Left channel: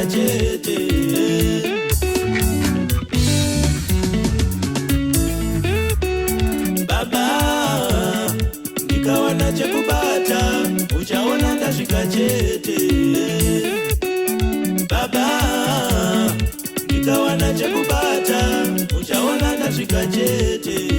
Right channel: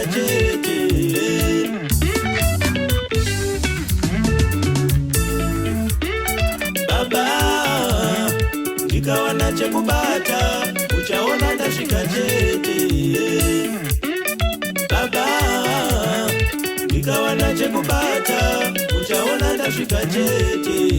tashika chete. Baba nikaona cha kubata, uchaona tashika chete. Baba nikaona cha kubata, uchaona tashika chete.